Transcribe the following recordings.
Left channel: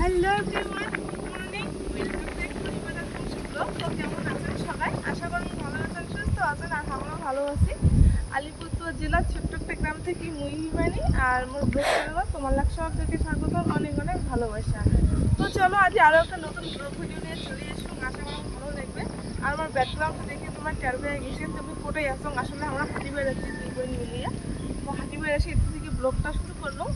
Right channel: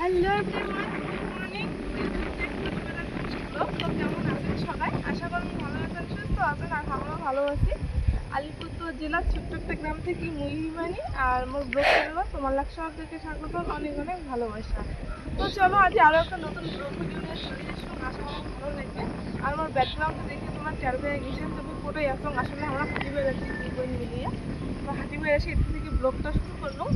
Hello everyone, good morning. তো কেমন আছেন সবাই? আশা করি ভালো আছেন, সুস্থ আছেন, আর আমরাও ভালো আছি। আলিপুরদুয়ার জেলার ছোট্ট একটা গ্রাম থেকে মুই হিমানি আর মোর ব্লগ চ্যানেল তোমার লাখ সবাইকে স্বাগত, অনেক অনেক ভালোবাসা। তো চলো আজ আরও একটা নতুন ব্লগ ভিডিও নিয়ে চলে এসো, আশা করি ভালো লাগবে। আর আমার ব্যাকগ্রাউন্ডটা দেখে তোমার টের পেয়ে গেছেন তুমি কোটাই আসো। আসলে আমরা হাঁটি বের আছি দুই বোন মিলিয়ে, তো হাঁটি বের আসি এর থেকে ব্লগটা শুরু করলাম।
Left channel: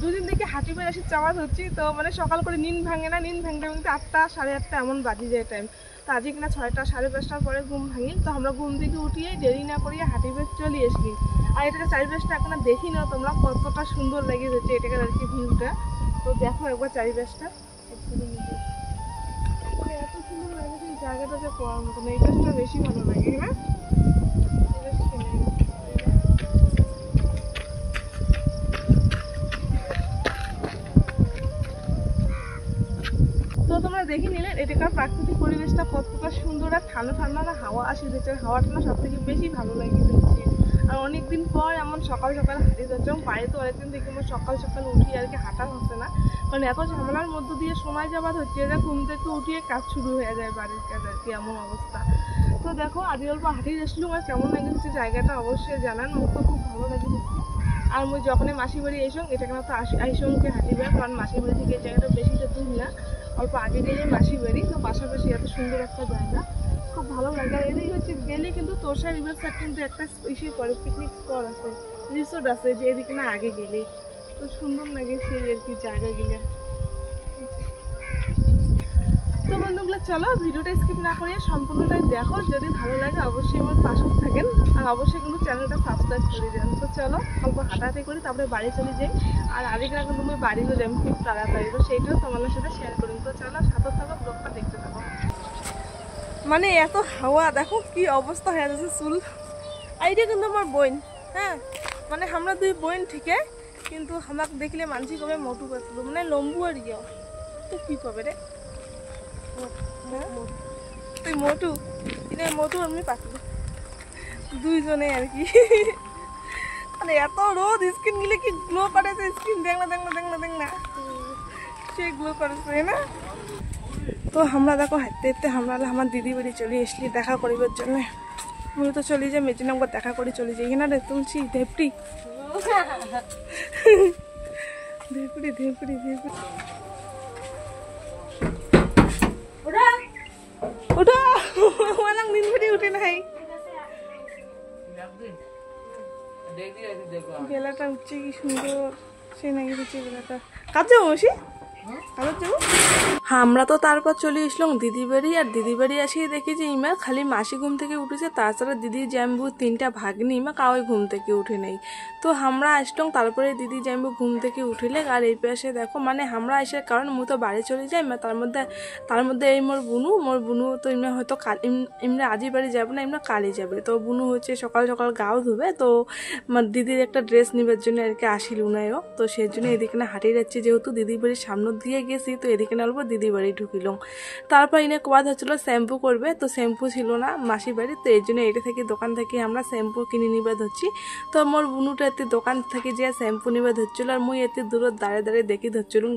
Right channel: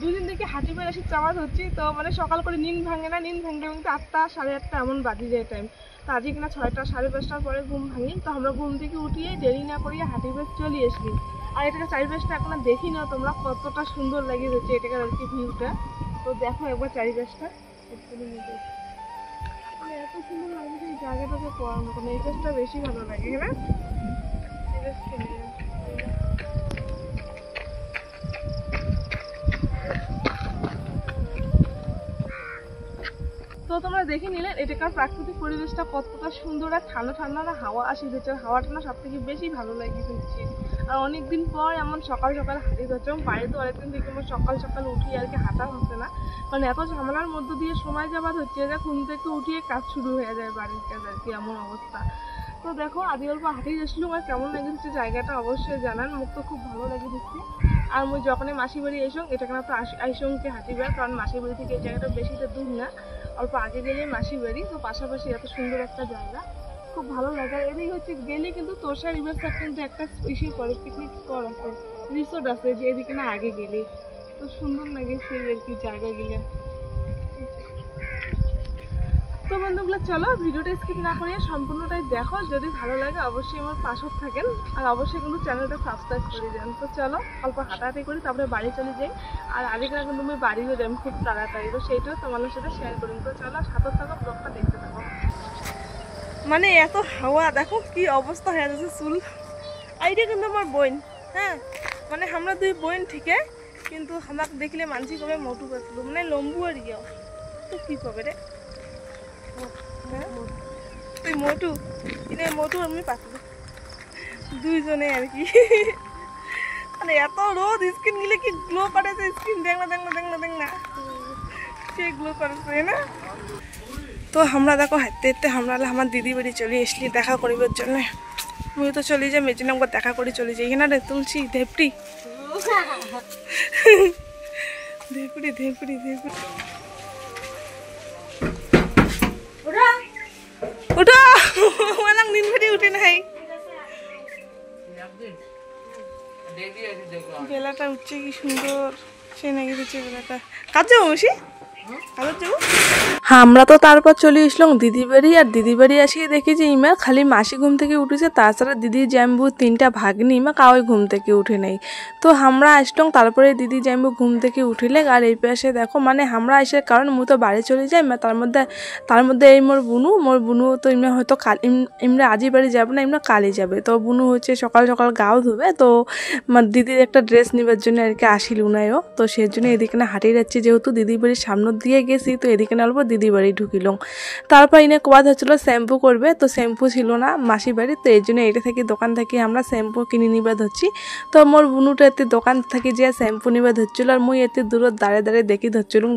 দুদিন থেকে হাঁটি বের আসি চাওয়াত হচ্ছি, তো মানে সকাল করে নিন ভাঙে না, নিন ভাঙতে ভাঙতে 8টা সাড়ে 8টা এমন বাজি যায় টাইম। তো আজকে কিনা 6টা সাড়ে 5টার পরে ঘুম ভাঙি, তো আমরা ঘুম থেকে উঠিয়ে দেরি না করিয়ে হাঁটি বের চলে আসি। আর এটাকে চারিপাশটা এখন দেখি না তোমরা কতটা সুন্দর লাগে যাচ্ছে এটাকে আর কি ভিউটা। তো দেখো একবার চারিপাশটা এত সুন্দর লাগে, এই জায়গাটাতে পড়ার মতন। এই কাজটা বেশি ভালো লাগে, হ্যাঁ। তো তোমরা দেখে নিলে এটাকার প্রাকৃতিক পরিবেশটা কতটা সুন্দর, আর ঠান্ডা ঠান্ডা না হাওয়া আসে যাচ্ছে, হাওয়াটা না সব থেকে বেশি ভালো লাগে যাচ্ছে। আর অনেকদিন পর এমন সকাল সকাল হাঁটতে যাচ্ছে, এবং বাড়িতে অনেকদিন থেকে আমার সকাল সকাল উঠি আর কি হাঁটা হচ্ছে না, কারণ এত ঝামেলার মধ্য দিয়ে সময় যাবার হচ্ছে যে ঘুম থেকে উঠিয়ে কাজ শুরু হয়ে যায় বাড়ির কাজ আর কি, এমন অবস্থা। তো দেখো আদি অল্প হাঁটিয়ে যাচ্ছিলাম, আর কেমন লাগে হচ্ছে জায়গাটা অবশ্যই জানান, মুখ তো খুব ভালো লাগে হচ্ছে। আর মুই যখনই মাসি বাড়ি এসং এটা কেন তো আইসংকে হাঁটিবার, কারণ মাসি বাড়ি থেকে এই জায়গাটা বেশি তো দূর না, অল্প আগে গেলে মাসি বাড়ি, তো পাশাপাশি এত সুন্দর একটা জায়গা, খুব ভালো লাগে। আর এদিকে হচ্ছে গেলে কিন্তু তোষা রিভার সাইড কিন্তু একটা ইসে করে পিকনিক স্পট আছে, রিসোর্ট আছে, যে এদিকে না আগে গেলে তো সুন্দর লাগে সেই আর কি জায়গা গেলে। তো বন্ধুগুলো চলো ভিডিওটা স্কিপ না করে সম্পূর্ণটাই দেখো, যদি ভালো লাগে অবশ্যই আমার পাশে থাকেন, আর অবশ্যই কিন্তু চ্যানেলটা সাবস্ক্রাইব করে দেন। তো চলো অল্প হাঁটাহাঁটি করি, তারপরে বাড়ি চলে যাই। আর আরেকটা কিন্তু আমি বাড়ি যাই খুব তাড়াতাড়ি, তো সেইটাও তোমাদের সাথে শেয়ার করি। তো চলো সাথে থাকো, ব্লগটা দেখতে থাকো। মানে এত হাওয়া, দেখো কি অবস্থা হয়ে যাচ্ছে চুল। এইটা কিন্তু আমার বোন, হ্যাঁ, মানে আমরা দুই বোন ঠিকই, কিন্তু আমাকে দেখলে মানসিক হবে মোটু পাতলু, মানে লম্বু আর ইয়ে, তো কি পাবে রে তুই মোটু, এটা মোটু আমি পাতলু, দুইজনে আর কি। মানে এত রোদ, স্কিন গিলে কি গ্লো করেছে, স্কিন দেখ না দেখ না দেখ না দেখ না, সে গ্লো করেছে না। তো আমরা দেখো হাঁটতে হাঁটতে আমরা আমার দিদি বাড়ি চলে আসলি দেখা করিবার জন্য। আমি তো চলে যাই মেজিনামকে দেখা করে চলে যাই, এখানে রে তুলছি ধেপটি ধেপড়ি ধেপড়ি ধেপড়ি ওটা ওলাং দিন ভরি উঠে নাই, বেলাটা উঠছে কি সুন্দর, সে নাকি দিচ্ছে বেলাটা। কাজ যাবো বেশি কাজ যাবো। হ্যাঁ আমরা তো তারপর চলে আসলাম দিদি বাড়ি, আর দিদি বাড়ি আসিয়ে দেখি যে ইমা খালি মাসি ঘুম থেকে উঠেছে, তাছাড়া দিদির জ্যাম্বু 3টা ভাগ্নি ইমা কাউই ঘুম থেকে উঠে নেই। তো আমরা আসলাম, তারপরে দিদি জ্যাম্বু ঘুম থেকে উঠিলে। আর এই পাশে দেখো মানে আমরা আসার কারণ মুই তো বাড়ি চলে যাই, তার মধ্যে এই মোর বুনু তো ইমরা হয়তো ইমরা আজই বাড়ি যাবে না, ইমরা কালই যাবে। তো বুনু হচ্ছে সকাল সকাল গাও ধুবে, তো দিদির একটা ড্রেস নেবার জন্য আর কি আসিল উনায়ও, তো সেই জন্য এদিকে না হাঁটিয়ে যাচ্ছি, যেহেতু দিদির বাড়ির সামনে দিয়ে গেছি, তো এদিকে না অল্প দিদি বাড়ি ঢুকিল। তারপর ইনে কোয়াদ হচ্ছিল শ্যাম্পু করবে, তো শ্যাম্পু ছিল না মাসি বাড়ি, তো এই জন্য এটা থেকে দোকান থেকে আমরা শ্যাম্পু কিনে নিবা ধরছি। তো মোর বুনুটা এতে দোকান থেকে যে শ্যাম্পু নিবা ধরছিল, আর মুই এতে দূরত দাঁড়ে দাঁড়ে দেখি ধরছিলুম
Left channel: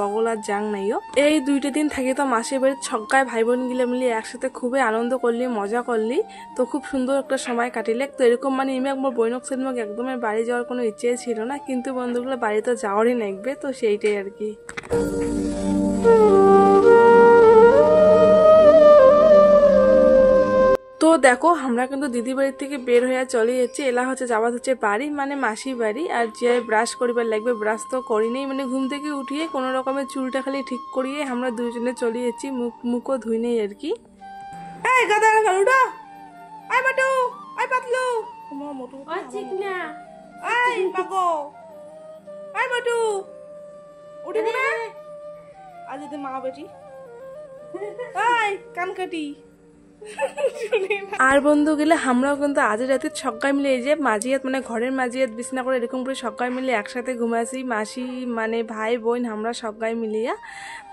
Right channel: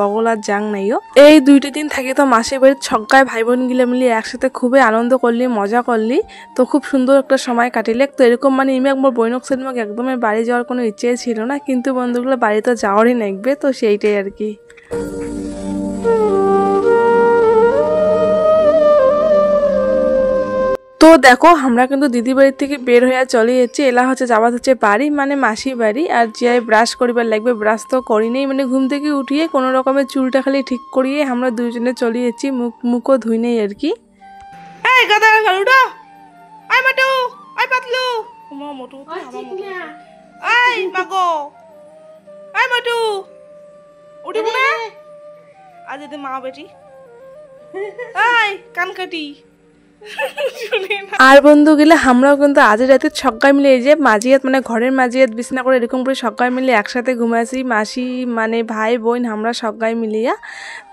বগল আর জাং নাইও। এই 2টা দিন থাকি তো মাসির বাড়ির ছক্কায় ভাই বোন গিলে মিলে একসাথে খুবই আনন্দ করলি, মজা করলি, তো খুব সুন্দর একটা সময় কাটিলে। তো এরকম মানে ইমেক মোর বৈনক সেদিন একদমই বাড়ি যাওয়ার কোনো ইচ্ছে ছিল না, কিন্তু বন্ধুগুলো বাড়িতে যাওয়ারই লাগবে, তো সেইটাই আর কি। তো দেখো আমরা কিন্তু দিদি বাড়ির থেকে বের হয়ে চলে যাচ্ছি, এলা হচ্ছে যাওয়া হচ্ছে বাড়ি মানে মাসি বাড়ি। আর যে ব্রাশ করিবার লাগবে, ব্রাশ তো করি নেই, মানে ঘুম থেকে উঠিয়ে কোনো রকমের চুলটা খালি ঠিক করিয়ে আমরা দুইজনে চলে যাচ্ছি, মুখও ধুই নেই আর কি। এই গাদা গালুটা, আই মাটু, আই পাতলু, মা মোটু আই মাগো, আই মাটু উঠিব না আজ এতে মা বেটি, আই কান কাটি। আর বন্ধু গেলে আমরাও কিন্তু আজ রাতে সবাই মিলে এই যে মাঝিয়াত মানে ঘরের মাঝিয়াত বিছনা করে এরকম করে সবাই মিলে একসাথে ঘুমাইছি, মাসি মানে ভাই বোন আমরা সবাই মিলিয়া।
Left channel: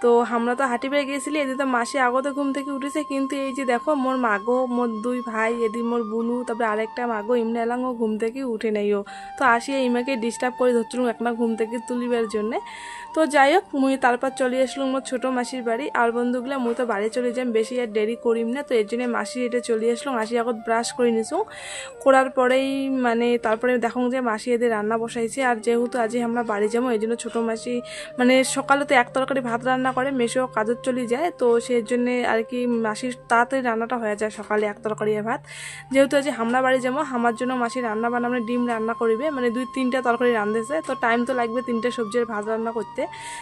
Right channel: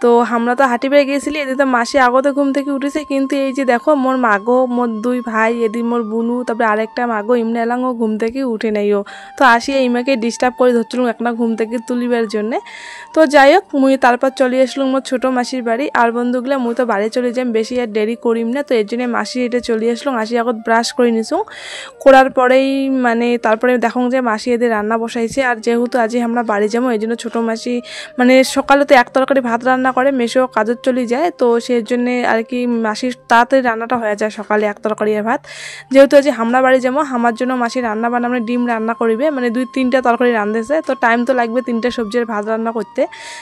তো আমরা তো হাঁটি বেড়ে গিয়েছিলি, এদিকে তো মাসি আগতে ঘুম থেকে উঠেছে, কিন্তু এই যে দেখো মোর মাগো, মোর 2 ভাই, এদিকে মোর বুনু, তারপরে আরেকটা মাগো ইমনে এলাঙ্গো ঘুম থেকে উঠে নেইও। তো আসি ইমাকে ডিস্টার্ব করে ধরছিলাম একটা ঘুম থেকে তুলিবার জন্যে। তো যাই হোক মুই তারপর চলে আসলাম মোর ছোটো মাসির বাড়ি। আর বন্ধুগুলো মুই তো বাড়ি চলে যাই, বেশি আর দেরি করিম না। তো এর জন্য মাসি এটা চলে আসলাম। মাসি এখন ব্রাশ করে নিছুম, করার পরেই মানে তারপরে দেখুন যে মাসি এদের রান্না বসাইছে। আর যেহেতু আজ আমরা বাড়ি যাবো এই জন্য ছোটো মাসি মানে সকালে তো এক তরকারি ভাত রান্না করে, মেশো কাজের চলে যায়, তো সেই জন্যে আর কি মাসির তাড়াতাড়ি রান্নাটা হয়ে যায় সকালে এক তরকারি ভাত। যেহেতু আজ আমরা বাড়ি যাবো আমার জন্য মাসি রান্না বান্না মানে ডিম রান্না করবে, মানে 2-3টা তরকারি রাঁধেছে, তো টাইম তো লাগবে 3টা সবজির ভাত রান্না করতে।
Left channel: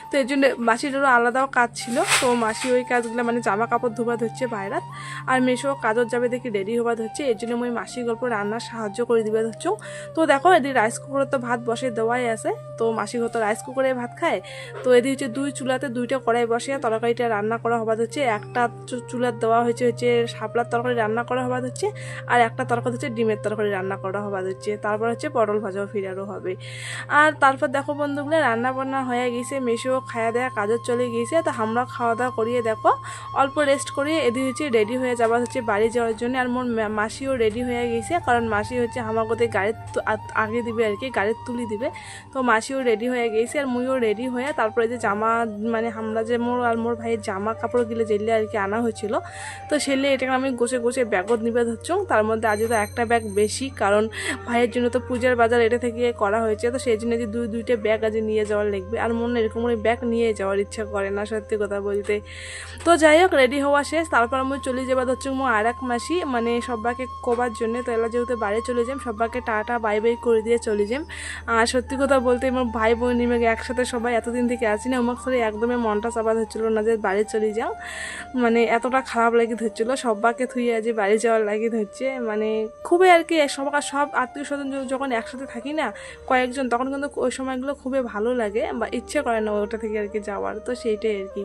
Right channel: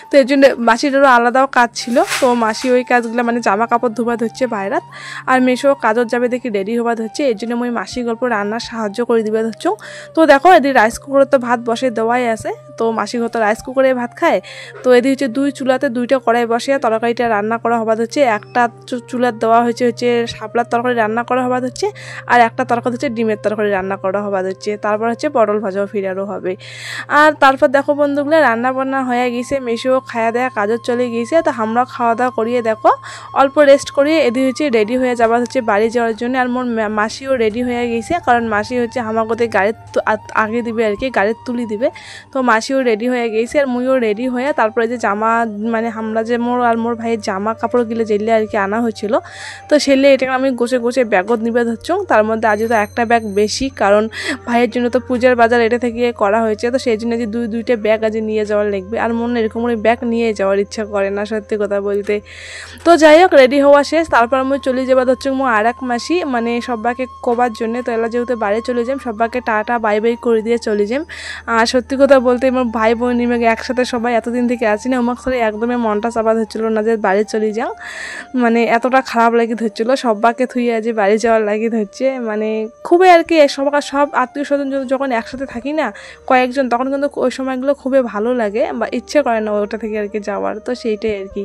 তো এর জন্য মাসিরও আলাদাও কাজ ছিল। তো মাসি ওই কাজগুলো মানে জামা কাপড় ধোবা ধরছে বাইরাত, আর মেশো কাজত যাবে দেখি রেডি হবা ধরছে। এর জন্য মই মাসি গল্প রান্নার সাহায্য করে দিবা ধরছো। তো দেখো এদিকে রাইস কুকারে তো ভাত বসে দেওয়াই আছে, তো মাসি হয়তো রাইস কুকারে ভাত খায়। তো এদিকে হচ্ছে 2 চুলাতে 2টা কড়াই বসে তরকারিটা রান্না করা হবা হচ্ছে। একটা চুলার দেওয়া হচ্ছে শাপলার তরকারি রান্না করা হবা হচ্ছে, আর একটা তরকারি হচ্ছে ডিমের তরকারি রান্না করা হবা হচ্ছে। তারপর হচ্ছে পটল ভাজাও ফিরারও হবে। আর তারপর দেখো বন্ধুগুলো রান্না বান্না হয়ে গিয়েছে, মেশো খাওয়া দেওয়া কাজও চলে গিয়েছে। তো আমরা খাওয়া দাওয়া করিয়ে দেখো অল্প রেস্ট করিয়ে এদিকে হচ্ছে রেডি হয়ে যাওয়া হচ্ছে বাড়ি যাওয়ার জন্য। আর মোর মাসিও রেডি হয়ে গিয়েছে, কারণ মাসি হচ্ছে আমার কোথায় গাড়ির আগে দিবে আর কি, গাড়ির তুলি দিবে। তো মাসিও রেডি হয়ে গিয়েছে, আর মুইও রেডি হয়ে তারপরে যে জামা মানে আমরা যে মোর আর মোর ভাইয়ের জামা কাপড় গিলে যেলে আর কি আনা হয়েছিল, তো সেলে এটাকে আমি গোছে গোছে ব্যাগত নিবে ধরছ। তার মধ্যে আজ তো একটা ব্যাগ বেশি, কারণ ভাইয়ের জন্য তো পূজার বাজার এটা থেকে করা হয়েছে, তো সেই জন্য যে 2-2টা ব্যাগ আজ নিয়ে যাওয়ার লাগবে। আর মনে এরকম ব্যাগ নিয়ে যাওয়ার ইচ্ছা করে না সত্যি কথা বলতে। তো যাই হোক রেডি হওয়া শেষ, তারপর আমি চলে যাবা হচ্ছে মো আর এক মাসি মানে সবাইকে কবার জন্য। তো এলা যেহেতু বাড়ি চলে যাই সবাইকে টাটা বাই বাই করে দিয়ে চলে যাই। আর সত্যি কথা বলতে আমার ভাই বোন নিমে একসাথে সবাই এতদিন থেকে আছি না, আমার সাথে একদমই মনটা চাপা ধরছিল না যে বাড়ি চলে যাও, মানে এতটা খারাপ লাগি ধরছিল সবাইকে থুয়ে আজ বাড়ি যাওয়ার লাগি ধরছে। মানে খুবই আর কি সব আত্মীয় স্বজন যখন একসাথে থাকি না কয়েকজন, তখন কিন্তু ওই সময়গুলো খুবই ভালো লাগে বা ইচ্ছে করে না ওটা থেকে আর কি যাওয়ার, তো সেইটাই আর কি।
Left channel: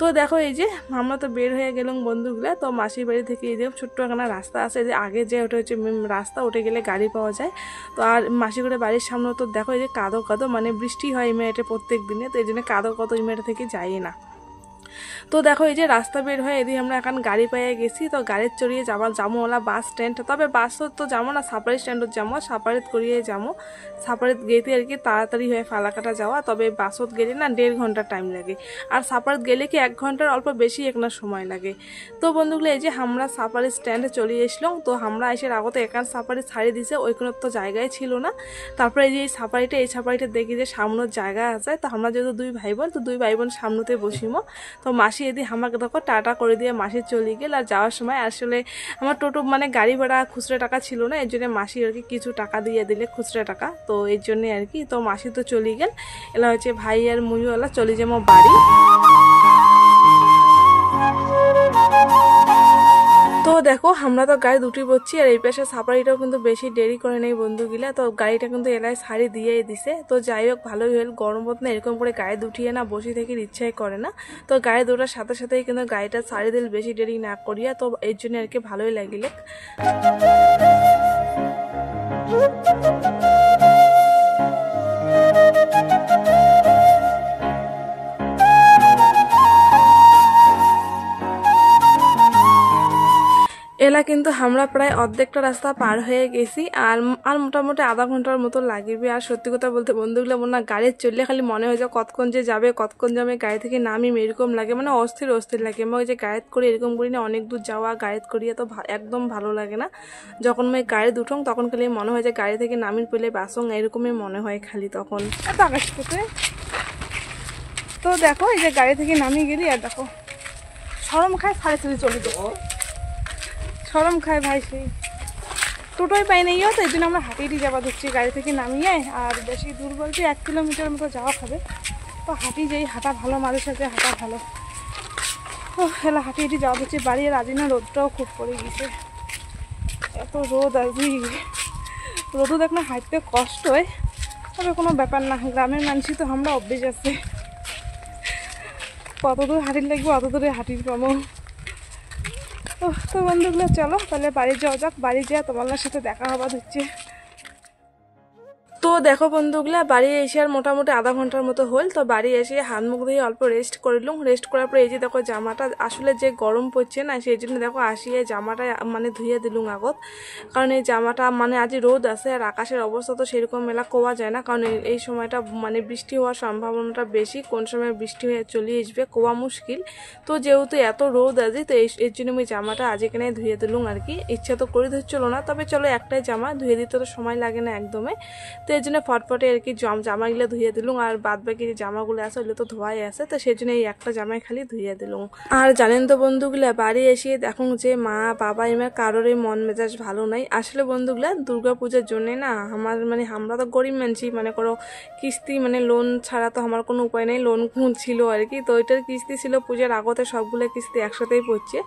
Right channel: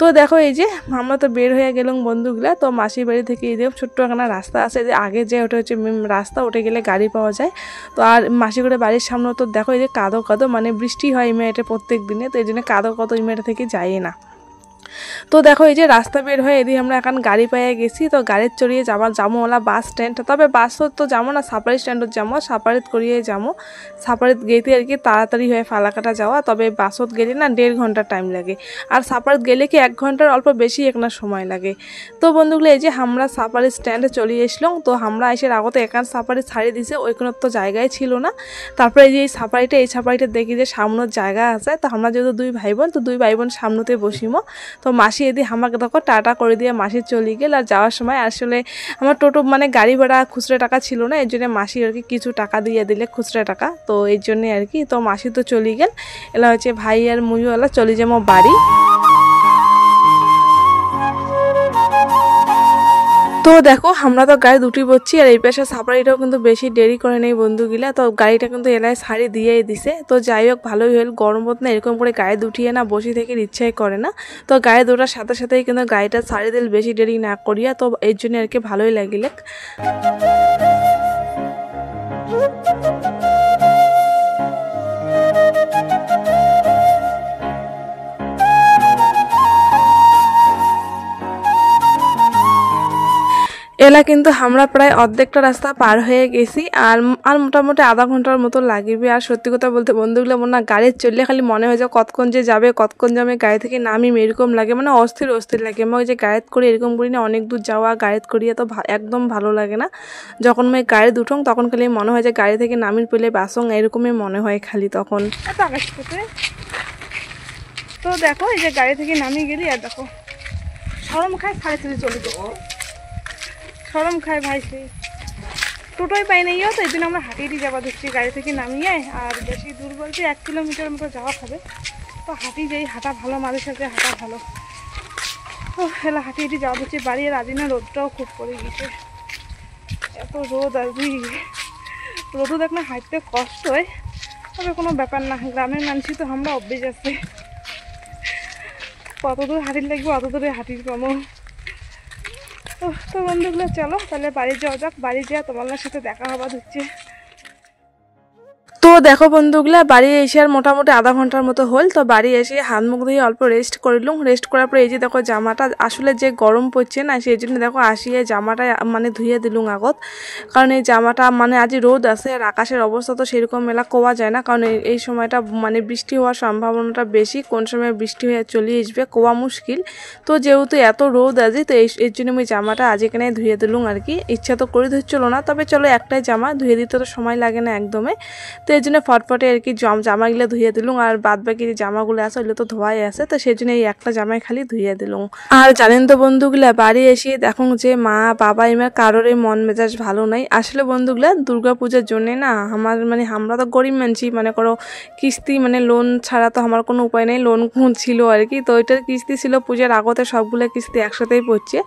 তো দেখো এই যে আমরা তো বের হয়ে গেলাম বন্ধুগুলা। তো মাসির বাড়ি থেকে এই যে ছোট্ট একটা রাস্তা আছে, যে আগে যে ওটা হচ্ছে রাস্তা, ওটা গেলে গাড়ি পাওয়া যায়। তো আর মাসি করে বাড়ির সামনে তো দেখো এই যে কাদো কাদো, মানে বৃষ্টি হয় এই মেয়েটা প্রত্যেক দিনে, তো এই জন্য কাদো কাদো এই মেয়েটা থেকে যায় না। তো দেখো এই যে রাস্তা বের হয়ে এদিকে আমরা এখন গাড়ি পেয়ে গেছি। তো গাড়ির চড়িয়ে যাবো ওলা বাস স্ট্যান্ড, তবে বাসত তো যাবো না, সাপারি স্ট্যান্ডত যাবো, সাপারিত করিয়ে যাবো। সাপারিত গেতে আর কি তাড়াতাড়ি হয়ে ফালাকাটা যাওয়া, তবে বাসত গেলে না 1.5 ঘন্টা টাইম লাগে, আর সাপারিত গেলে কি 1 ঘন্টার অল্প বেশি একটা সময় লাগে। তো বন্ধুগুলো এই যে আমরা সাপারি স্ট্যান্ডে চলে এসলাম। তো আমরা এসে আগতে একান সাপারি ছাড়িয়ে দিছে, ওইখানে তো জায়গায় ছিল না। তারপরে এই যে এই সাপারিটা দেখি যে সামনের জায়গা আছে, তো আমরা যেহেতু 2 ভাই বোন, তো 2 ভাই বোন সামনেতে বসিমো। তো মাসি এদি আমাকে দেখো টাটা করে দিয়ে মাসি চলে গেল। আর যাওয়ার সময় আসলে আমার টোটো মানে গাড়ি ভাড়া খুচরা টাকা ছিল না, এর জন্য মাসি আর কি কিছু টাকা দিয়ে দিলে খুচরা টাকা, তো এর জন্য আর কি। তো মাসি তো চলে গেল, এলা হচ্ছে ভাই আর মুইও এলা চলে যাবো বাড়ি। তো দেখো আমরা তো গাড়ি দুটি বসছি, আর এই পাশে সাপারিটাও কিন্তু বেশি দেরি করে নেই বন্ধুগুলা। তো গাড়িটা কিন্তু এলাই ছাড়ি দিয়েই দিছে। তো যাই হোক ভালোই হল, গরমত না এরকম করে গাড়ি দুটিয়ে না বসে থেকে ইচ্ছাই করে না। তো গাড়ি দুটার সাথে সাথেই কিন্তু গাড়িটা ছাড়ি দিল বেশি দেরি না করিয়া, তো এর জন্য আর কি ভালোই লাগিলে। এলা কিন্তু আমরা প্রায় অর্ধেকটা রাস্তা পার হয়ে গেছি, আর মোটামুটি আধা ঘন্টার মতো লাগবে। আর সত্যি কথা বলতে বন্ধুগুলো মনে না গাড়ি চললে খালি মনে হয় যে কতক্ষণ যে যাবে কতক্ষণ যাবে, গাড়ি থেকে নামিম এরকম লাগে, মানে অস্থির লাগে। আমি ওই যে গাড়িত করে এরকম করি না, অনেক দূর যাওয়া গাড়িত করিয়ে তো একদম ভালো লাগে না। যখন আমি গাড়ি দুঠং তখন খালি মনে হয় যে গাড়ি থেকে নামির পেলে বাসং, এরকমই মনে হয় খালি তখন। তো দেখো এই যে গাড়ি থেকে নামিয়ে গেলি, আর দেখো সরম খায় সাড়ে চলে যাবো, সরম খায় ভাই, সেই টোটোই পাই নাই, তো এই জন্য আমরা হাঁটিয়ে যাওয়া দেখছি গাড়ি থেকে নামিয়ে। আর বেশি দূর বলতে 1 কিলোমিটার মতো যাওয়া হবে, তো হাঁটি যাই, হাঁটা ভালো, মাঝে সাথে হাঁটা ভালো। তো এলা হাঁটিয়ে যাওয়া দেখছি বাড়ি। আর আজ না রোদটাও খুব পড়ে গেছে, এত রোদ আজই, রোদও দেখ না হাঁটতে কষ্ট হয়, তবে কোনো ব্যাপার না, গ্রামের মানুষই তো আমরা অভ্যেস আছে, কত দূর হাঁটির লাগবে অত দূরে হাঁটির পাবো। তো বন্ধুগুলো চলো তাহলে বাড়ি যাওয়া যাক, বাড়ি যাওয়া তোমার সাথে দেখা হওয়া হচ্ছে। তো দেখো বন্ধুগুলা বাড়ি এসে আর মোটামুটি আধা ঘন্টার মতো হল। তো বাড়ি এসে হাত মুখ ধুয়ে অল্প রেস্ট করলুম। রেস্ট করার পরে এই যে দেখো জামাটা আসলে যে গরম পড়ছে না, সেই জন্য দেখো আসিয়ে জামাটা মানে ধুয়ে দিলুম আগত। কারণ এই জামাটা মানে আজ রোদ আছে আর আকাশের অবস্থা তো সেরকম মেলা কোয়া যায় না, কারণ এই সময়টা মানে বৃষ্টি হওয়ার সম্ভাবনাটা বেশি, কোন সময় বৃষ্টি হয়ে চলে আসবে কোয়া মুশকিল। তো যেহেতু এত রোদ আছে তো এর জন্য আমি জামাটা আজ এখানে ধুয়ে দিলুম আর কি। ইচ্ছা তো করে ধুচ্ছিল না, তবে চলো একটাই জামা ধুয়ে দিতে তো সময় লাগে না একদমই। তো এই জন্য ফটফটে আর কি জামাগুলো ধুয়ে দিলুম, আর বাদ বাকি যে জামাগুলো আছে ওগুলো তো ধোয়াই আছে, তো সেই জন্য এই একটা জামাই খালি ধুয়ে দিলুম। আর জানেন তো বন্ধুগুলা বাড়ি এসে দেখুন যে মা বাবা এবার কারোর মন মেজাজ ভালো নাই। আসলে বন্ধুগুলা দুর্গা পূজার জন্যে না আমার মানে আমরা তো গরিব মানছি, মানে করো কিস্তি মানে লোন ছাড়া তো আমার কোনো উপায় নেই, লোন ছিল আর কি। তো ওইটার কিস্তি ছিল পূজার আগতে, সবগুলো কিস্তি একসাথেই পড়ছে।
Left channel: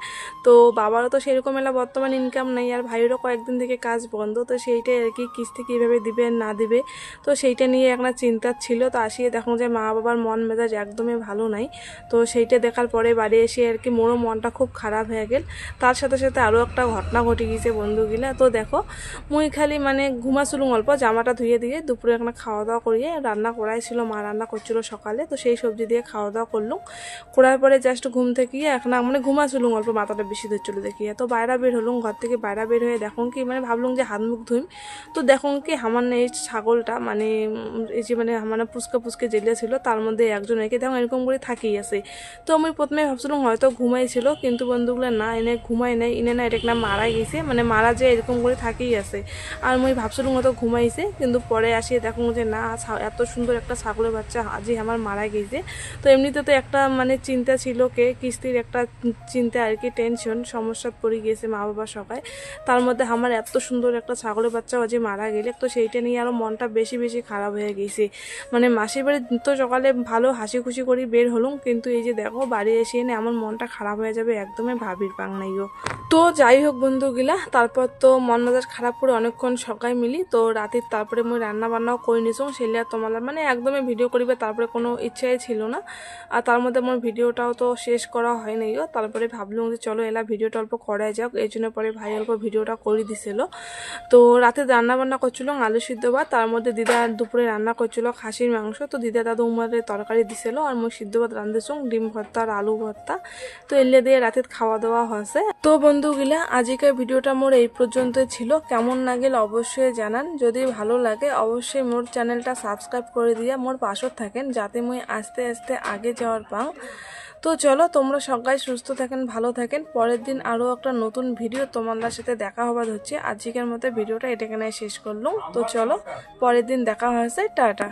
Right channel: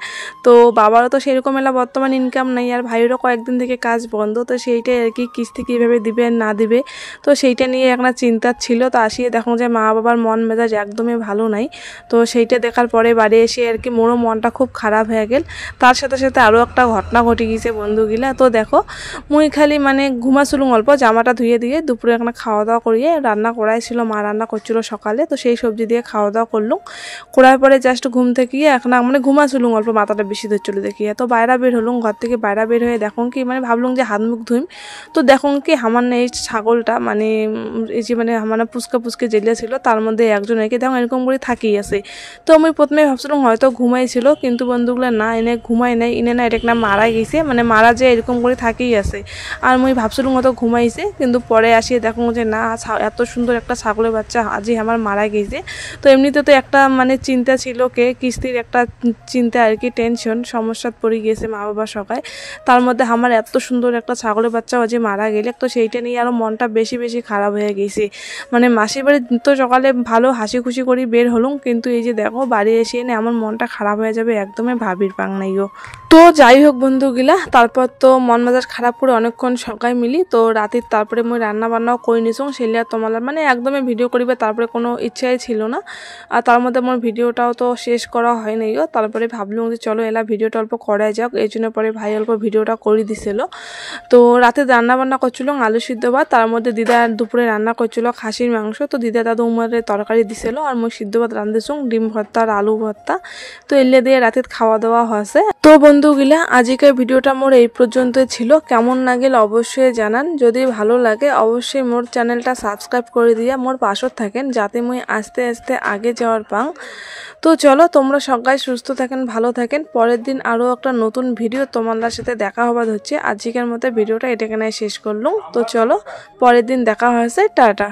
তো বাবারও তো সেরকম এলা বর্তমান ইনকাম নেই, আর ভাইয়েরও কয়েকদিন থেকে কাজ বন্ধ, তো সেইটাই আর কি কিস্তি কীভাবে দিবে না দিবে, তো সেইটা নিয়ে একটা চিন্তা ছিল। তো আসিয়ে দেখুন যে মা বাবার মন মেজাজ একদমই ভালো নাই। তো সেইটা দেখার পরে বাড়ি এসে আর কি মোরও মনটা খুব খারাপ হয়ে গেল। তার সাথে সাথে আরও একটা ঘটনা ঘটে গিয়েছে বন্ধুগুলা। তো দেখো মুই খালি মানে ঘুমাছিলুম অল্প, জামাটা ধুয়ে দিয়ে দুপুরে একটা খাওয়া দাওয়া করিয়ে রান্না করাইছিল, মা রান্না করছিল সকালে, তো সেই সবজি দিয়ে খাওয়া দাওয়া করলুম। করার পরে জাস্ট ঘুম থেকে এখন মানে ঘুমাছিলুম অল্প, মাথাটা বেশি ধরছিল দেখিয়ে। তো বাইরে বের হলুম, ঘর থেকে বাইরে বের হয়ে দেখুন কি মানে ভাবলুম যে হাত মুখ ধুইম। তো দেখুন কি আমার এই ছাগলটা মানে এই যে মানে আমার পুচকা পুচকে জেলে ছিল, তার মধ্যে একজন একে দেখুন এরকম করে থাকিয়ে আছে। তো আমি প্রথমে ভাবছিলাম হয়তো ঘুমাইছিল, কিন্তু বন্ধুগুলো না, এনে ঘুমাই নাই, এনে না এটা না মারা গেছে, মানে মারা যে এরকম করে থাকেই আছে। আর আমি ভাবছিলাম হয়তো ঘুমাইছে, কিন্তু পরে আসিয়ে দেখুন যে না এত সুন্দর একটা ছাগলের বাচ্চা আজই আমার মারা গেছে। তো এমনিতে তো একটা মানে চিন্তা ছিল কে কিস্তির একটা চিন্তা আর কি, টেনশন সমস্যাত পড়ে গিয়েছে মা বাবা সবাই, তার মধ্যে আমার এত সুন্দর একটা ছাগলের বাচ্চা আজই মারা গেলে, তো সেইটা নিয়ে আরও মনটা বেশি বেশি খারাপ হয়ে গেছে। মানে মাসির বাড়ি তো সকালে ভালো হাসি খুশি করে বের হলুম, কিন্তু এই যে দেখো বাড়ি এসে এনে আমার মনটা খারাপ হয়ে যাবে একদমই ভাবির পাং নাইও। তো যাই হোক বন্ধুগুলা, তারপর তো মন মেজাজ খারাপ করে অনেকক্ষণ সকাল মিলি, তো রাতের তারপরে মুই রান্না বান্নাও করে নিছুম, সেলিয়া তোমার মানে একদমই ভিডিও করিবে তারপরে কোনো ইচ্ছাই ছিল না। আর তার মধ্যে আমার ভিডিওটাও তো শেষ করা হয় নাইও, তারপরে ভাবলুম যে চলো এলা ভিডিওটা অল্প করাই যাক, এই জন্য পরে ভাই অল্প ভিডিওটা করে দিছিল। তো রাতে রান্না বান্না করছিল আলু সিদ্ধ ভাত, তার মধ্যে দিদা দুপুরে রান্না করছিল খাসির মাংস, তো দিদা দাদু উমারের তরকারি দিছিল, আর মই সিদ্ধ ভাত রাঁধেছুম ডিম ভর্তা আর আলু ভর্তা। তো এলে দিয়ে রাতে খাওয়া দাওয়া হয়েছে। তো বন্ধুগুলা আজকের ভিডিওটা মোর এই পর্যন্তই ছিল, কেমন লাগলে অবশ্যই জানান। যদি ভালো লাগে অবশ্যই মোর চ্যানেলটা সাবস্ক্রাইব করে দিয়ে মোর পাশে থাকেন, যাতে মুই আস্তে আস্তে আগে যাওয়ার পাং। তো চলো তোমরা সবাই সুস্থ থাকেন, ভালো থাকেন। পরের দিন আরও একটা নতুন ভিডিও তোমাদের সাথে দেখা হবার হচ্ছে। আজকের মতো ভিডিওটা এটা এখানে শেষ করলাম। তো চলো পরের দিন দেখা হয়েছে, টাটা।